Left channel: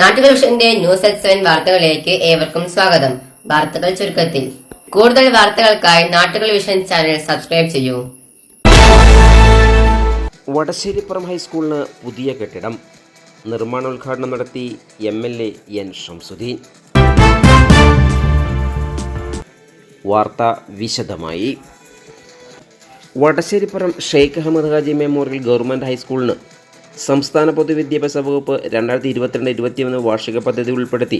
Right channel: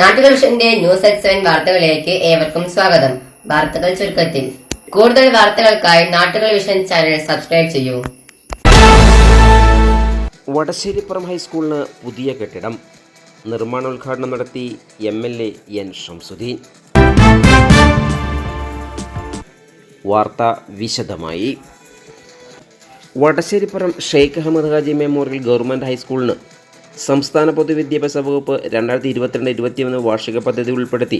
നാട്ടുകൾ വിഷന്റെ news seven വാർത്തകളിലേക്ക് ഏവർക്കും സ്വാഗതം. വാർത്തകൾ ചുരുക്കത്തിൽ. കൂടുതൽ വാർത്തകൾക്കായി നാട്ടുകൾ വിഷൻ ചാനൽ സബ്സ്ക്രൈബ് ചെയ്യൂ. വടശ്ശേരിപ്പുറം ഹൈസ്കൂളിന് പുതിയ കെട്ടിടം. നിർമ്മാണോദ്ഘാടനം നടത്തി M L A N Shamsuddin. വാർത്ത വിശദമായി. വടശ്ശേരിപ്പുറം ഷെയ്ഖ് അഹമ്മദ് ഹാജി മെമ്മോറിയൽ ഗവൺമെന്റ് ഹൈസ്കൂളിന് സംസ്ഥാന പൊതുവിദ്യാഭ്യാസ വകുപ്പ് രണ്ടായിരത്തി ഇരുപത്തിരണ്ട് ഇരുപത്തിയൊന്ന് വാർഷിക പദ്ധതി ഉൾപ്പെടുത്തി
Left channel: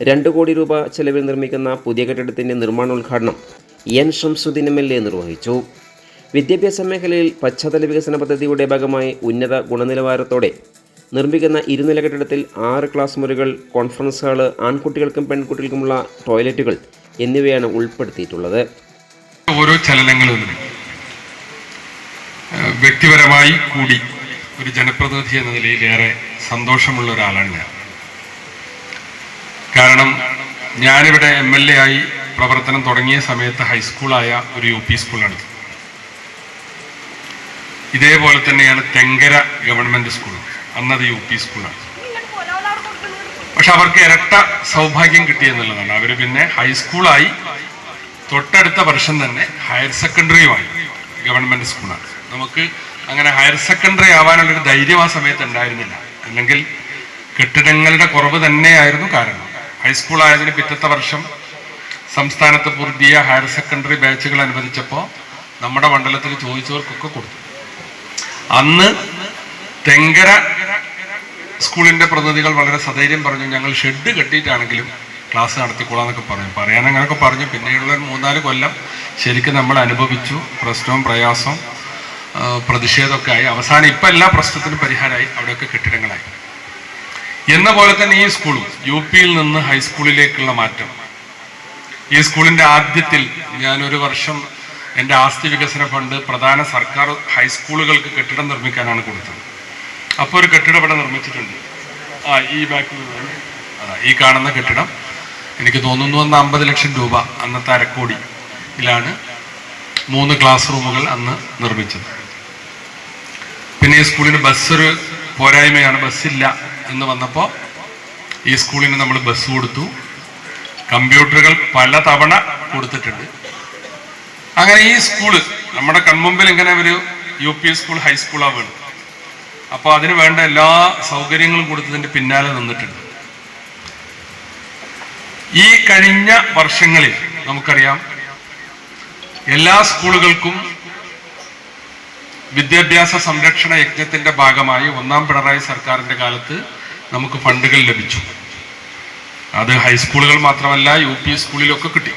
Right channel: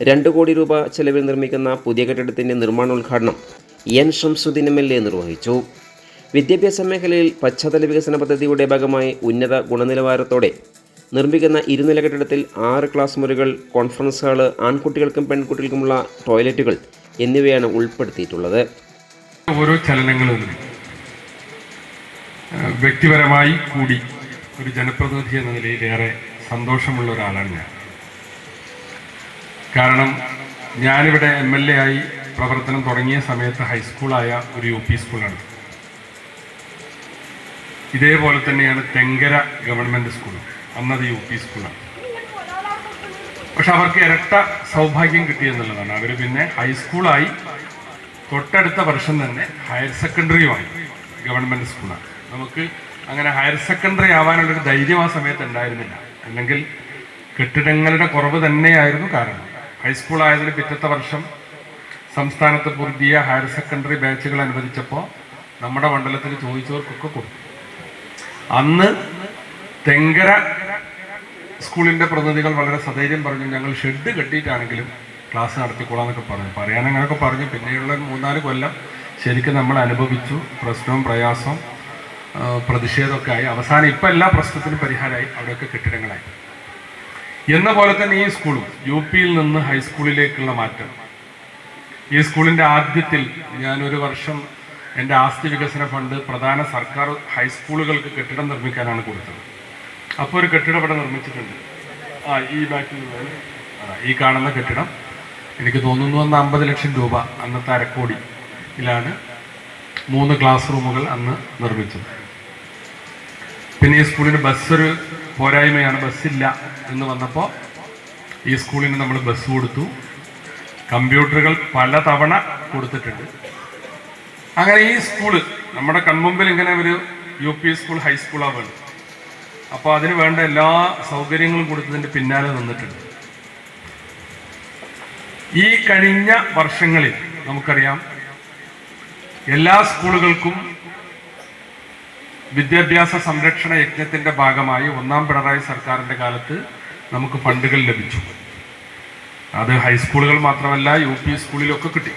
രണ്ട് കോടി രൂപ ചെലവിൽ നിർമ്മിക്കുന്ന പുതിയ കെട്ടിടത്തിന്റെ നിർമ്മാണോദ്ഘാടനം N Shamsuddin M L A നിർവഹിച്ചു. വിദ്യാഭ്യാസ മേഖലയിൽ പശ്ചാത്തല വികസന പദ്ധതിയുടെ ഭാഗമായി ഉന്നത ഗുണനിലവാരത്തോടെ നിർമ്മിക്കുന്ന ഇരുനില കെട്ടിടത്തിൽ ആറ് ക്ലാസ് മുറികൾ കോൺഫറൻസ് ഹാൾ ആൺകുട്ടികൾക്കും പെൺകുട്ടികൾക്കുമുള്ള ടോയ്ലറ്റുകൾ എന്നിവയാണ് ഉൾപ്പെടുത്തിയിട്ടുള്ളത്. ഓരോ ചലനങ്ങളും വ്യക്തിപരമായി കൂടി ഒരു ജനപ്രതിനിധി എന്ന നിലയിൽ ഏറെ സന്തോഷമുള്ള ഒരാളാണ് ഞാൻ. കാരണം ഞാനിവിടെ എം എൽ എ ആയി പ്രവർത്തനം തുടങ്ങിയ സമയത്ത് ഹൈസ്കൂളായ ഒരു യു പി സ്കൂളാണ് ഇതേപോലെ തന്നെയാണ് തെങ്കര ഗവൺമെന്റ് സ്കൂൾ. അന്നത് യു പി സ്കൂളാണ്. പക്ഷെ അവർക്ക് ഇരട്ട സൗഭാഗ്യം കിട്ടിയെന്നുള്ളതാണ് അവർ പിന്നെ ഹൈസ്കൂളായി തൊട്ടടുത്ത വർഷം തന്നെ ഹയർ സെക്കൻഡറിയുമായി ഗവൺമെന്റ് സ്കൂളാണ്. നമുക്ക് അങ്ങനെ ഹയർ സെക്കൻഡറി ആവാനുള്ളൊരു ധൈര്യം ആ സമയത്ത് ഉണ്ടായിരുന്നില്ല. അല്ലെങ്കിൽ കെട്ടിടങ്ങളുടെ കുറവ് തന്നെയായിരുന്നു കാരണം. ഹൈസ്കൂൾ ആയതിന് പിറ്റത്തെ വർഷം സംസ്ഥാനത്ത് പുതിയ ഹയർ സെക്കൻഡറി ബാച്ചുകൾ അനുവദിച്ചപ്പോൾ നമ്മുടെ മണ്ഡലത്തിൽ ചോദിച്ചവർക്കൊക്കെ കൊടുത്തു. അന്ന് തെങ്കര സ്കൂളിന്റെ പ്രതിനിധികൾ വളരെ സധൈര്യം പറഞ്ഞു ഞങ്ങൾ ഷെഡ് കെട്ടിയിട്ടാണെങ്കിലും ക്ലാസ് നടത്തിക്കൊള്ളാന്നൊക്കെ പറഞ്ഞു. പറയാൻ അങ്ങനെയൊക്കെ പറഞ്ഞു. പിന്നെയുള്ള മൂന്നാൽ കൊല്ലം ശരിക്കും നമ്മൾ അനുഭവിച്ചു. പ്രശ്നവും പ്രയാസവും പ്രതിഷേധമൊക്കെ ആയി. അവസാനം ഇപ്പം എല്ലാ പ്രശ്നത്തിനും പരിഹാരമായി. അവിടെയൊക്കെ കെട്ടിടങ്ങളായി. എന്ന പോലെ തന്നെ ഈ സ്കൂളും യു പിയിൽ നിന്ന് ഹൈസ്കൂളിലേക്കുള്ള മാറ്റം. ഈ സ്കൂളിന്റെ ആദ്യത്തിൽ ഞാനൊരു വർഷം എന്റെ ആസ്തി വികസന ഫണ്ട് പ്രധാന സർക്കാർ ഹൈസ്കൂളുകൾക്ക് കെട്ടിടം നിർമ്മിക്കാനാണ് കൊടുത്തത്. അപ്പോൾ ഒരു കെട്ടിടം ഇവിടെ നിർമ്മിച്ചിട്ടുണ്ട്. ആ ഈ ബാക്കിൽ ഈ കാണുന്ന കെട്ടിടം. എനിക്ക് തോന്നുന്നു അന്ന് അമ്പത് ലക്ഷം രൂപ അന്നത്തെ അരക്കോടിയിലാണ് മൂന്ന് ക്ലാസ് റൂമുകൾ അന്ന് നിർമ്മിച്ചത്. സ്കൂളിന് ബസ് ഒരു പോരായ്മയാണ് ബസ്സില്ല എന്ന് വന്നപ്പോൾ ഈ സ്കൂളിന് നമ്മൾ ബസ് കൊടുത്തു. കമ്പ്യൂട്ടറുകൾ പല തവണ കൊടുത്തിട്ടുണ്ട്. അങ്ങനെ ഈ സ്കൂൾ നമ്മുടെ കൺമുമ്പിൽ ഇങ്ങനെ ഒരു യു പി സ്കൂൾ ഹൈസ്കൂളാണ് വേണ്ടത് അപ്പോൾ അതിന് വേണ്ട എല്ലാ സൗകര്യങ്ങളും കൊടുത്തതിന്റെ പിന്നാലെ നിന്നിട്ടുണ്ട്. ഈ കഴിഞ്ഞ വർഷങ്ങളിൽ നമുക്കറിയാം എല്ലാ സ്കൂളുകൾക്കും വിദ്യാഭ്യാസ സംരക്ഷണ യജ്ഞത്തിന്റെ ഭാഗമായി ഒന്നാം പിണറായി സർക്കാരിന്റെ കാലത്ത് നമുക്ക് ഫണ്ടുകൾ ലഭിച്ചു. അത് ഹൈസ്കൂളുകൾ മാത്രമല്ല യു പി സ്കൂളിലൊക്കെ കിട്ടി.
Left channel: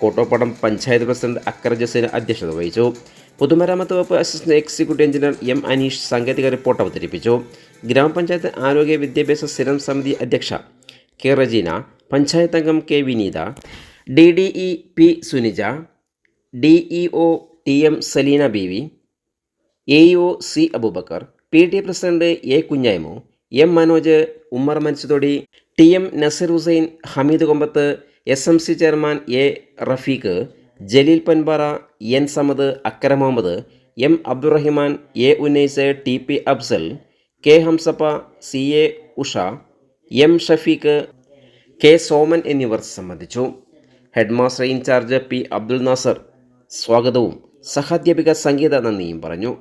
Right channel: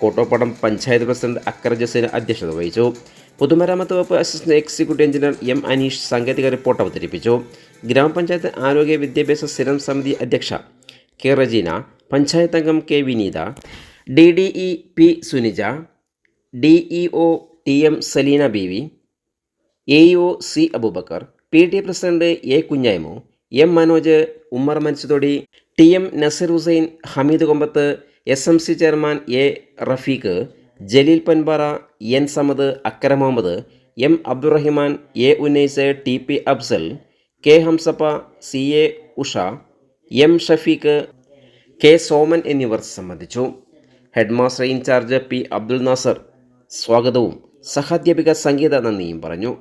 കോട്ടോപ്പടം പഞ്ചായത്ത് പ്രസിഡന്റ് അക്രജസിന് അധ്യക്ഷത വഹിച്ചു. പൊതുമരാമത്ത് വകുപ്പ് assistant executive engineer M Aneesh സാങ്കേതിക റിപ്പോർട്ട് അവതരിപ്പിച്ചു. ഗ്രാമപഞ്ചായത്ത് ആരോഗ്യ വിദ്യാഭ്യാസ സ്ഥിരം സമിതി അധ്യക്ഷ കെ റജീന പഞ്ചായത്ത് അംഗം K Vineetha D D E P Suneeja D E O T M Saleena B V A O C Aboobacker P T president A Kunjaimu M Manoj Ummer Mansuthodi T M Naseer Hussain Hameed Kombath S M C chairman A Rafeeq Jaleel Panpara N Samad Akkara Muhammed M Abdurahiman A Unnais T P Afsal K Hamsappa C A Usha M Shafeeq K Soman എന്നിവർ സംബന്ധിച്ചു. Headmaster in charge P Abdul Nasar സ്വാഗതവും. സഹാധ്യാപിക സംഗീത നന്ദിയും പറഞ്ഞു.